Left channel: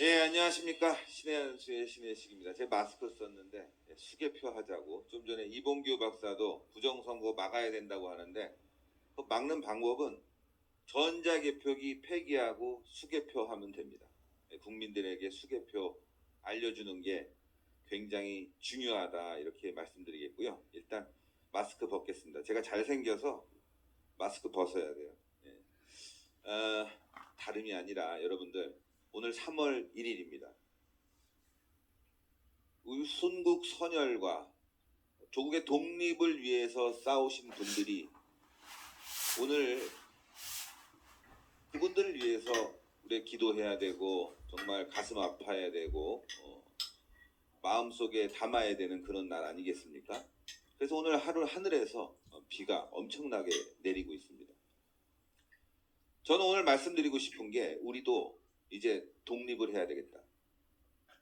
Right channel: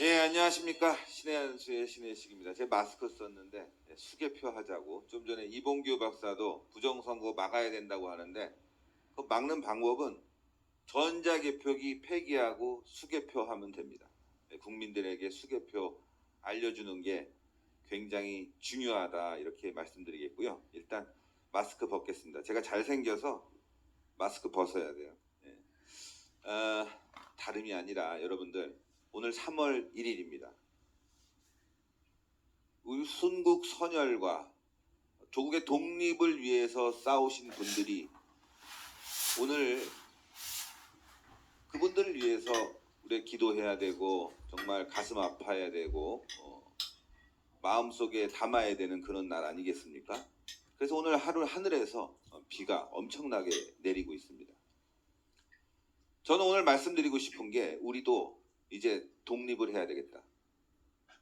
예, 안녕하십니까. 신의 한수의 신의식입니다. 제 마스크 썼는데 예, 수개표 하자고. 좀 전에 이봉규 박사도 부정선거 막아야 된다고 하는데 그 막는 방법은 전자개표기 폐기하고 수개표 하면 됩니다. 예, 국민들에게 수개표 알려주는 게 굉장히 중요하다 이렇게 말씀드리겠고요. 일단 마스크 벗겠습니다. 제가 잘생겨서 마스크 벗어야 돼요. 예. 어, 다름이 아니라 여러분들 오늘 3월 1일입니다. 우리 순국 선열과 조국의 독립을 위해서 싸우신 분들이 오늘 그분들을 위해서 우리 기도해야 되고 정말 가슴 아파야 되고 어, 마음속에 담아야 되는 그런 날 아니겠습니까? 그래서 오늘 하루 하늘에서 어, 비가 엄청나게 내리고 있습니다. 저는 오늘 말씀드리고 싶은 게 우리도 이제 독립을 해야 되겠다.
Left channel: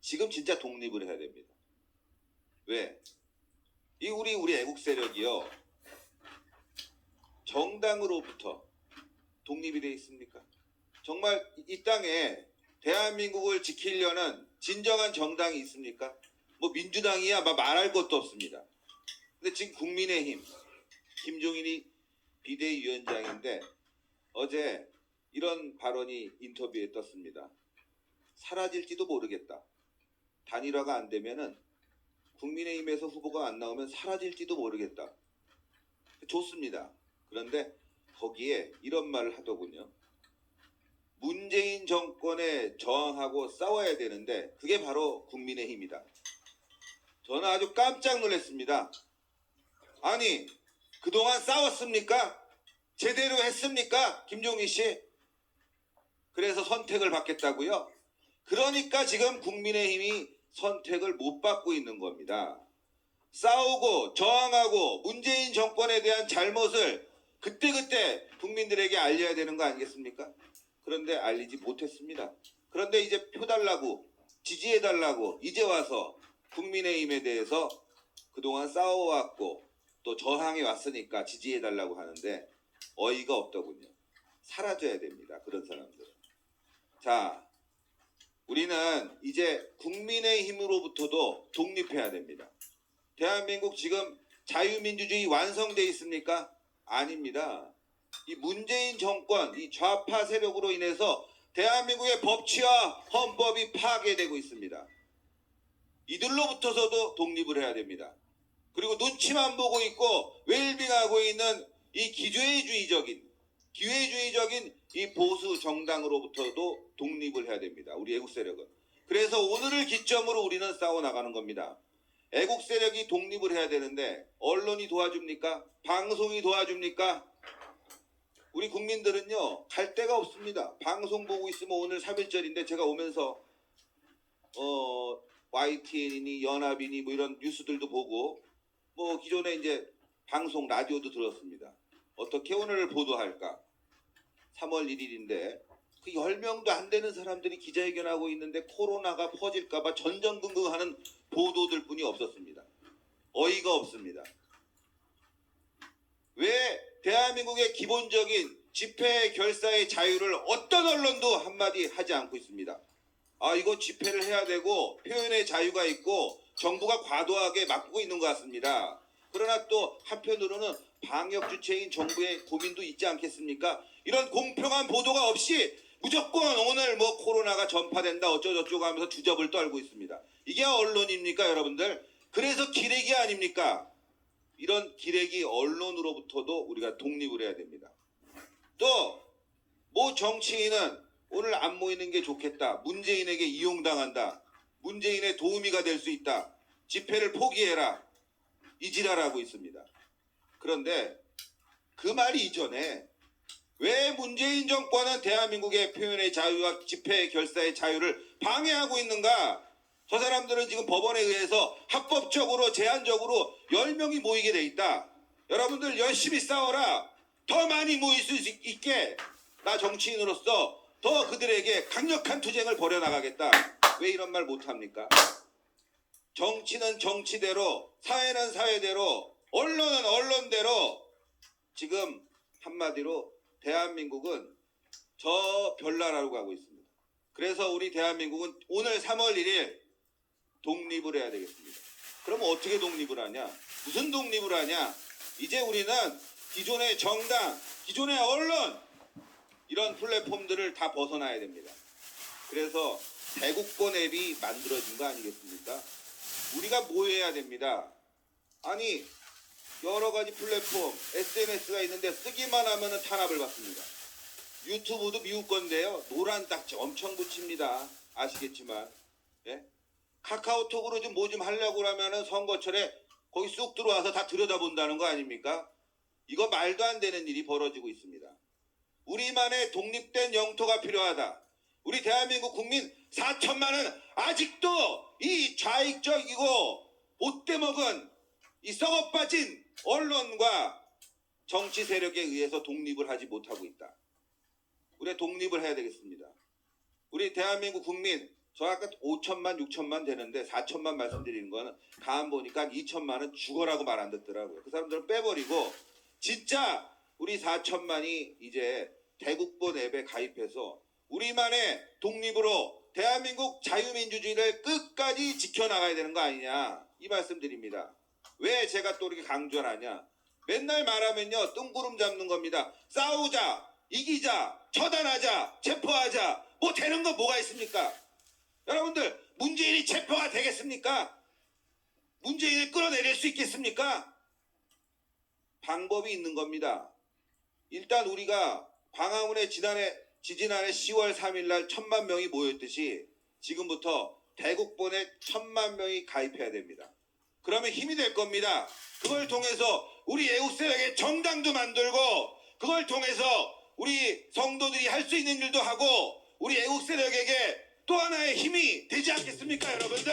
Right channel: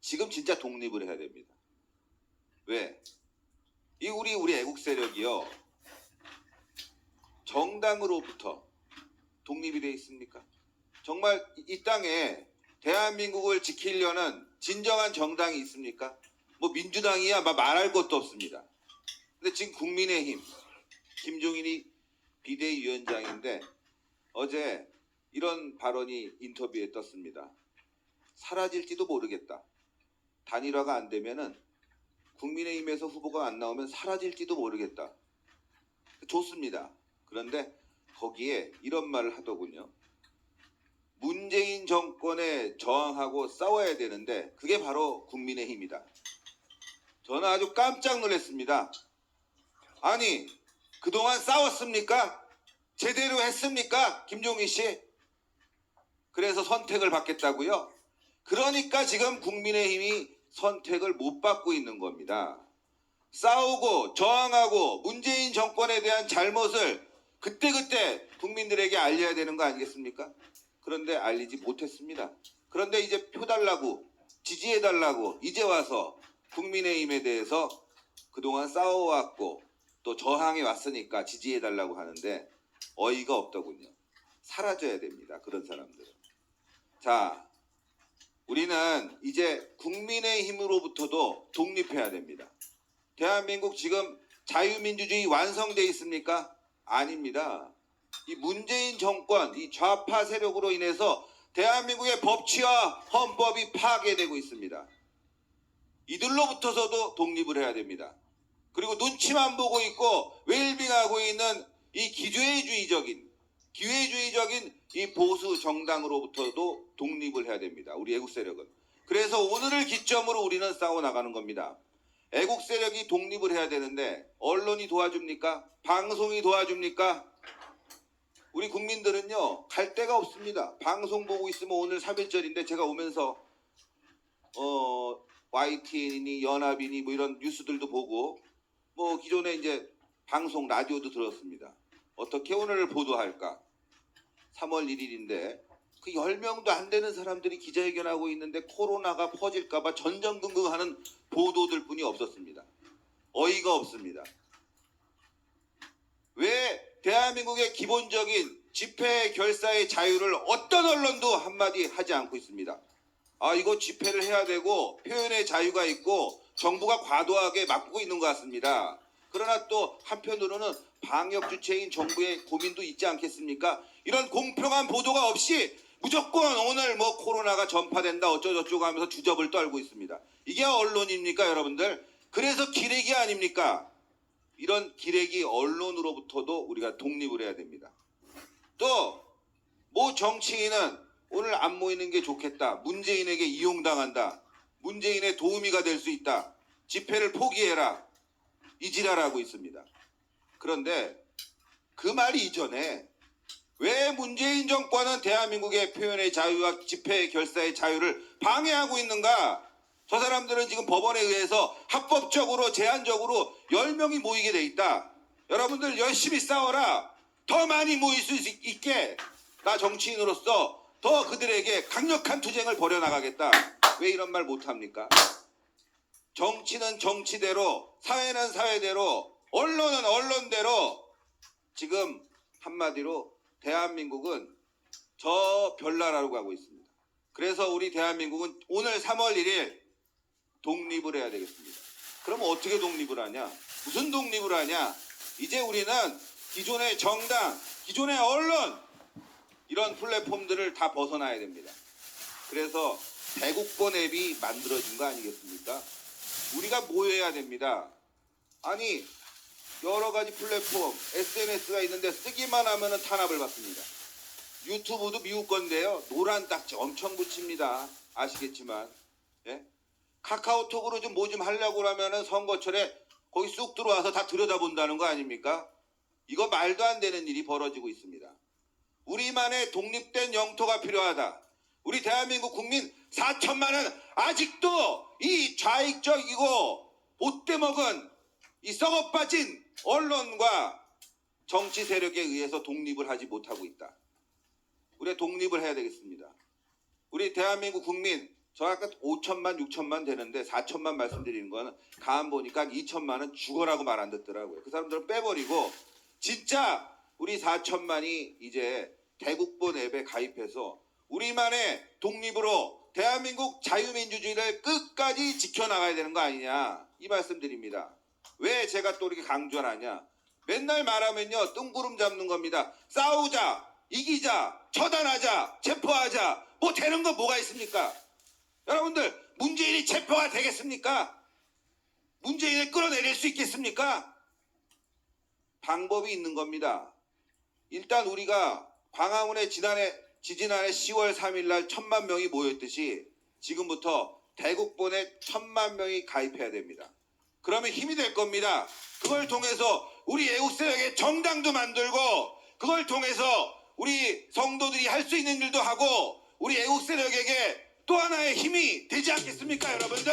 지금 진짜 독립을 해야 됩니다. 왜? 이 우리 우리 애국 세력이요. 정당으로부터 독립이 돼 있습니까? 정말 이- 이 땅에 대한민국을 지키려는 진정한 정당이 있습니까? 뭐 민주당이야 막 말할 것도 없습니다. 근데 지금 국민의힘 김종인이 비대위원장인데 어제 이런 발언이 인터뷰에 떴습니다. 사라질지도 모르겠다. 단일화가 안 되면은 국민의힘에서 후보가 안 나오면 사라질지도 모르겠다. 좋습니다. 그런데 거기에 이런 말을 하더군요. 문재인 정권에 저항하고 싸워야 되는데 그게 바로 국민의힘이다. 저는 아주 깜짝 놀랐습니다. 아니 그동안 싸웠습니까? 제대로 했습니까? 김종희 씨? 그래서 선택을 받겠다고요? 그러니까 지금 국민의힘이 선택을 못 받고 있는 겁니다. 싸우고 저항하고 문재인 정권에 대한 잘못을 그때그때 국민들에게 알려야 되는 거 아니겠습니까? 그런데 알리지 못했습니다. 그런데 이제 표 달라고 지지해 달라고 이제 와서 국민의힘에 대해서 그동안 싸워왔고 또 저항해 왔으니까 지지해 달라고 하는데 어이가 없더군요. 사라져야 됩니다. 그런 사람들은. 자, 우리는 이제 국민의 힘으로부터도 독립해야 됩니다. 대한민국 지금 자유민주주의 완성돼 있습니까? 아닙니다. 이 문재인 정권, 이 좌파 세력으로 인해서 대한민국의 법치와 헌법이 파괴되고 있습니다. 이들로부터서도 독립을 해야 됩니다. 그리고 눈치만 보고 있고 웰빙하고 있는 이 기회주의적인 기회주의적인 이 보수 정당으로부터도 독립을 해야 됩니다. 우리 애국 세력은. 그래서 오늘을 기점으로 우리는 싸워 나가는 겁니다. 애국 세력이 독립을 해야 되는데 언론이 도와줍니까? 방송이 도와줍니까? 우리 국민들은요 갈 데가 없습니다. 방송 보고 있으면 오늘 3일절인데 제가 오면서 어 YTN이니 연합이니 뭐 이런 뉴스들도 보고 뭐 기존에 이제 방송 라디오도 들었습니다. 어떻게 오늘 보도할까? 3월 1일인데 그 10명도 안 되는 사람들이 기자회견하고 있는데 코로나가 퍼질까봐 전전긍긍하는 보도들 뿐이 없었습니다. 어이가 없습니다. 왜 대한민국의 기본적인 집회 결사의 자유를 어떤 언론도 한마디 하지 않고 있습니다. 아, 이거 집회를 해야 되고 표현의 자유가 있고 정부가 과도하게 막고 있는 것 같습니다. 그러나 또 한편으로는 방역 주체인 정부의 고민도 있지 않겠습니까? 이런 공평한 보도가 없이 무조건 오늘 뭐 코로나가 전파된다 어쩌고저쩌고 하면서 주접을 떨고 있습니다. 이게 언론입니까, 여러분들? 그래서 기레기 아닙니까? 이런 기레기 언론으로부터도 우리가 독립을 해야 됩니다. 또뭐 정치인은 오늘 안 모이는 게 좋겠다. 문재인에게 이용당한다. 문재인의 도우미가 될 수 있다. 집회를 포기해라. 이지랄하고 있습니다. 그런데 그말 이전에 왜 문재인 정권은 대한민국의 표현의 자유와 집회 결사의 자유를 방해하고 있는가? 저 사람들은 지금 법원에 의해서 합법적으로 제한적으로 10명이 모이게 돼 있다. 여러분들 열심히 싸워라. 더 많이 모일 수 있- 있게 나 정치인으로서 더 그들에게 강력한 투쟁을 벌여나가겠다. 왜 이런 말 못합니까? 정치는 정치대로, 사회는 사회대로, 언론은 언론대로 지금 한마디로 대한민국은 저 별나라로 가고 있습니다. 그래서 우리 대한민국은 오늘 3월 1일 독립을 해야 되겠습니다. 그럼 어떻게 독립을 하냐? 무슨 독립을 하냐? 이제 우리는 기존의 정당, 기존의 언론 이런 플랫폼들을 다 벗어나야 됩니다. 그래서 대국본 앱이 만들어진 거 아니겠습니까? 우리가 뭐 해야 됩니다. 아니 여러 가지 플랫폼, SNS가 있는데 쓰기만 하면은 탄압을 받습니다. 유튜브도 미국 건데요. 노란 딱지 엄청 붙입니다. 아시겠지만. 예? 카카오톡으로 좀뭐 좀 하려고 하면은 선거철에 거기 쑥 들어와서 다 들여다본다는 거 아닙니까? 이거 말도 안 되는 일이 벌어지고 있습니다. 우리만의 독립된 영토가 필요하다. 우리 대한민국 국민 4천만은 아직도 이 좌익적이고 못돼 먹은 이 썩어 빠진 언론과 정치 세력에 의해서 독립을 하지 못하고 있다. 우리가 독립을 해야 되겠습니다. 우리 대한민국 국민 저 아까 5천만 6천만 되는데 4천만 말씀드리는 거는 가만 보니까 2천만은 죽어라고 말 안 듣더라고요. 그 사람들은 빼버리고 진짜 우리 4천만이 이제 대국본 앱에 가입해서 우리만의 독립으로 대한민국 자유민주주의를 끝까지 지켜나가야 되는 거 아니냐 이 말씀드립니다. 왜 제가 또 이렇게 강조를 하냐? 맨날 말하면요 뜬구름 잡는 겁니다. 싸우자, 이기자, 처단하자, 체포하자 뭐 되는 거 뭐가 있습니까? 여러분들 문재인이 체포가 되겠습니까? 문재인을 끌어내릴 수 있겠습니까? 방법이 있는 겁니다. 일단 우리가 광화문에 지난해 지지난해 10월 3일 날 천만 명이 모였듯이 지금부터 대국본에 천만 명이 가입해야 됩니다. 그러면 힘이 될 겁니다. 그걸 통해서 우리 애국세력의 정당도 만들고 그걸 통해서 우리 성도들이 할 수 있는 일도 하고 우리 애국세력에게 또 하나의 힘이 되지 않겠습니까, 여러분들?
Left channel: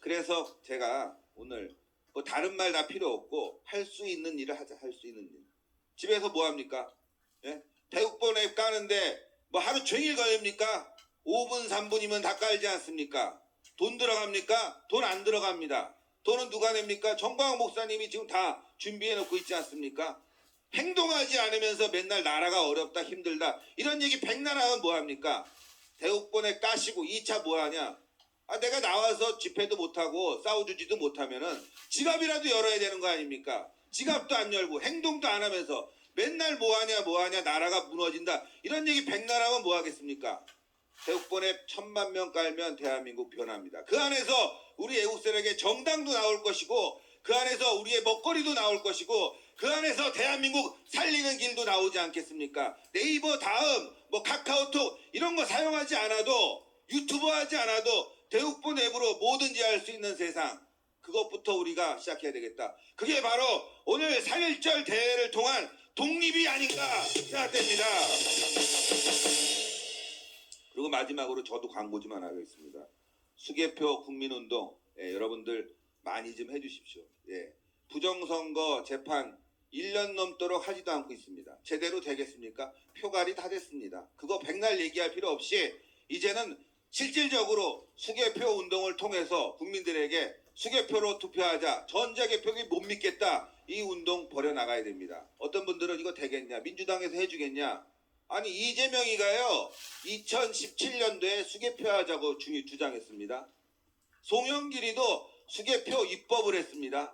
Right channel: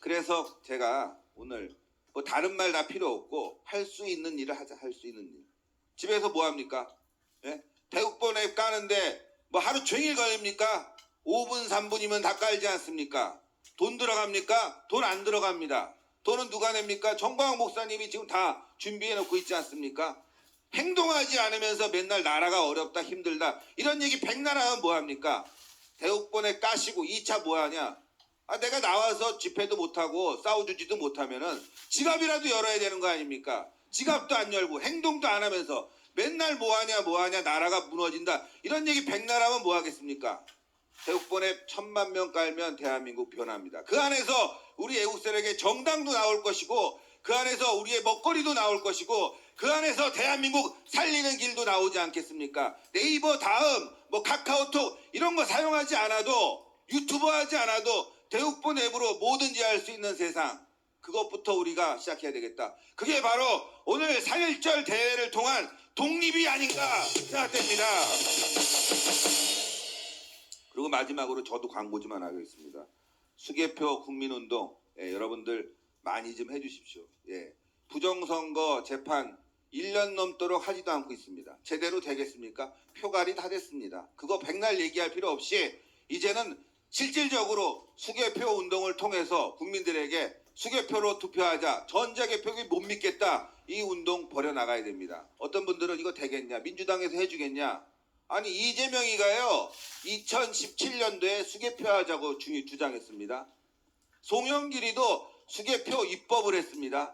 그래서 제가 오늘 뭐 다른 말 다 필요 없고 할 수 있는 일을 하자, 할 수 있는 일. 집에서 뭐 합니까? 예? 대국본에 까는데 뭐 하루 종일 걸립니까? 5분, 3분이면 다 깔지 않습니까? 돈 들어갑니까? 돈 안 들어갑니다. 돈은 누가 냅니까? 정광훈 목사님이 지금 다 준비해 놓고 있지 않습니까? 행동하지 않으면서 맨날 나라가 어렵다 힘들다 이런 얘기 백날 하면 뭐합니까? 대국본에 까시고 2차 뭐하냐? 아 내가 나와서 집회도 못하고 싸워주지도 못하면은 지갑이라도 열어야 되는 거 아닙니까? 지갑도 안 열고 행동도 안 하면서 맨날 뭐하냐 뭐하냐 나라가 무너진다 이런 얘기 백날 하면 뭐하겠습니까? 대국본에 천만 명 깔면 대한민국 변합니다. 그 안에서 우리 애국세력의 정당도 나올 것이고 그 안에서 우리의 먹거리도 나올 것이고 그 안에서 대한민국 살리는 길도 나오지 않겠습니까? 네이버 다음 뭐 카카오톡 이런 거 사용하지 않아도 유튜브 하지 않아도 대국본 앱으로 뭐든지 할 수 있는 세상 그것부터 우리가 시작해야 되겠다. 그게 바로 오늘 4.1절 대회를 통한 독립이 아닌가 생각됩니다. 그리고 마지막으로 저도 광고 좀 하나 하겠습니다. 수개표 국민운동 예, 여러분들 많이 좀 해주십시오. 예. 부정선거 재판 1년 넘도록 하지도 않고 있습니다. 제대로 되겠습니까? 표갈이 다 됐습니다. 그거 백날 얘기할 필요 없이 이제는 실질적으로 수개표 운동을 통해서 국민들에게 수개표로 투표하자 전자개표기 못 믿겠다 이 운동 벌여나가야 됩니다. 어떤 분들은 이거 되겠냐 민주당에서 해주겠냐 아니 이재명이가요 2017년도에 수개표하자고 주- 주장했습니다. 송영길이도 수개표 입법을 했습니다.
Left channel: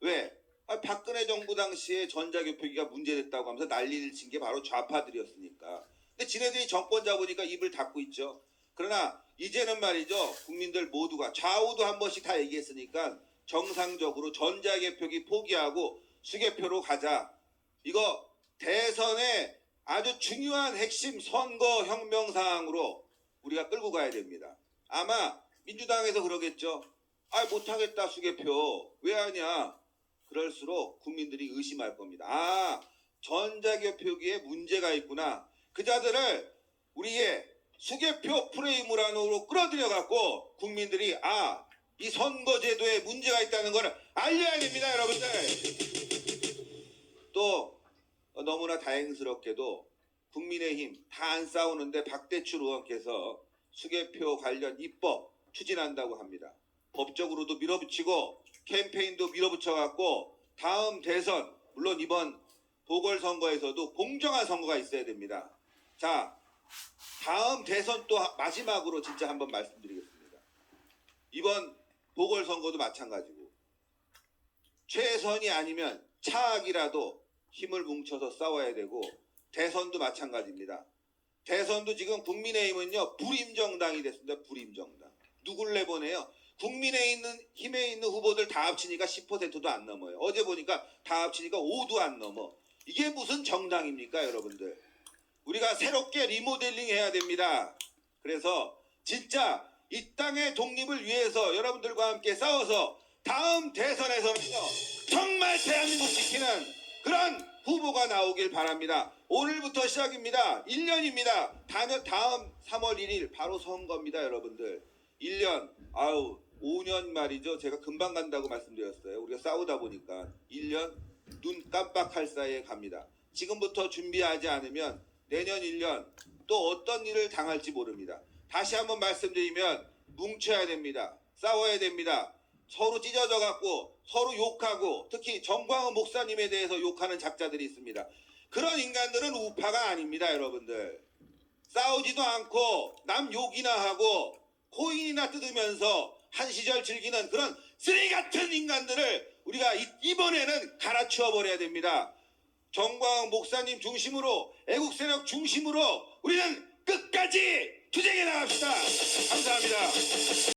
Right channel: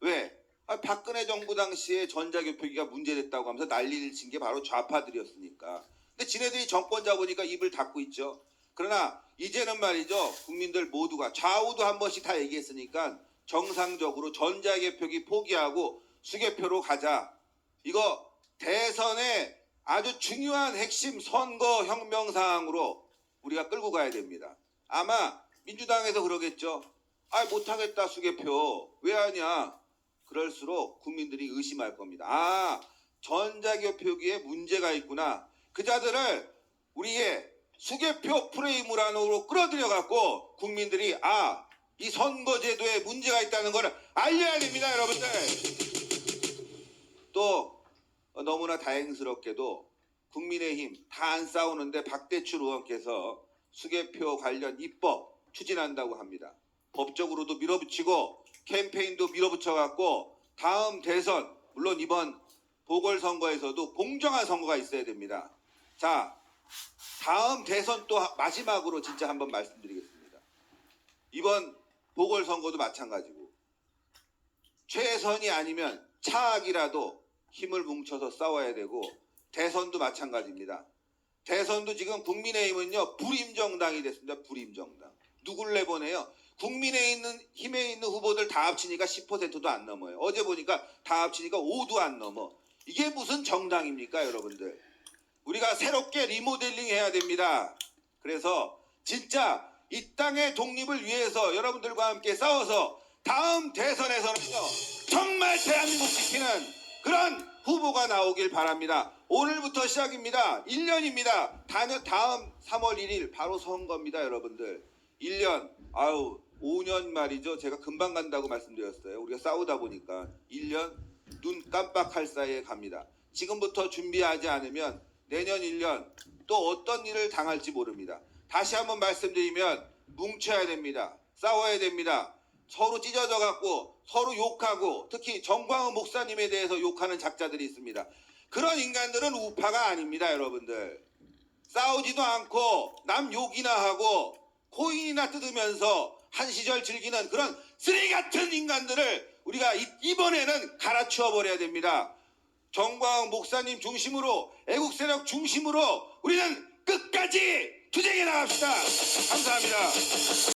왜? 아, 박근혜 정부 당시에 전자개표기가 문제됐다고 하면서 난리를 친 게 바로 좌파들이었으니까. 근데 지네들이 정권 잡으니까 입을 닫고 있죠. 그러나 이제는 말이죠. 국민들 모두가 좌우도 한 번씩 다 얘기했으니까 정상적으로 전자개표기 포기하고 수개표로 가자. 이거 대선의 아주 중요한 핵심 선거 혁명 사항으로 우리가 끌고 가야 됩니다. 아마 민주당에서 그러겠죠. 아 못하겠다 수개표 왜 하냐? 그럴수록 국민들이 의심할 겁니다. 아 전자개표기에 문제가 있구나. 그 자들을 우리의 수개표 프레임을 안으로 끌어들여 갖고 국민들이 아 이 선거제도에 문제가 있다는 것을 알려야 됩니다, 여러분들. 또 어, 너무나 다행스럽게도 국민의힘 다 안 싸우는데 박대출 의원께서 수개표 관련 입법 추진한다고 합니다. 법적으로도 밀어붙이고 캠페인도 밀어붙여갖고 다음 대선 물론 이번 보궐선거에서도 공정한 선거가 있어야 됩니다. 자, 다음 대선 또 하- 마지막으로 진짜 한번 말씀드리겠습니다. 이번 보궐선거도 마찬가지고 최선이 아니면 차악이라도 힘을 뭉쳐서 싸워야 되고 대선도 마찬가지입니다. 대선도 지금 국민의힘은요 불임정당이 됐습니다. 불임정당. 누굴 내보내요? 국민에 있는 힘에 있는 후보들 다 합치니까 10%도 안 넘어요. 어제 보니까 다 합치니까 5도 안 넘어. 이게 무슨 정당입니까, 여러분들? 우리가 새롭게 리모델링 해야 됩니다. 그래서 진짜 이 땅의 독립을 위해서 여러분들과 함께 싸워서 다음 대선에서는요 정말 대한민국 지키는 그런 후보가 나오길 바랍니다. 오늘부터 시작입니다. 1년입니다. 다음 3월 1일 바로 선거입니다, 여러분들. 1년, 아우, 5년 말이죠. 제가 금방 간다고 말씀드렸어요. 우리가 싸우다 보니까 1년 눈 깜빡할 사이에 갑니다. 지금부터 준비하지 않으면 내년 1년 또 어떤 일을 당할지 모릅니다. 다시 한번 말씀드리면 뭉쳐야 됩니다. 싸워야 됩니다. 서로 찢어져 갖고 서로 욕하고 특히 정광훈 목사님에 대해서 욕하는 작자들이 있습니다. 그런 인간들은 우파가 아닙니다, 여러분들. 싸우지도 않고 남 욕이나 하고 코인이나 뜯으면서 한 시절 즐기는 그런 쓰레기 같은 인간들을 우리가 이- 이번에는 갈아치워 버려야 됩니다. 정광훈 목사님 중심으로 애국 세력 중심으로 우리는 끝까지 투쟁해 나갑시다. 감사합니다.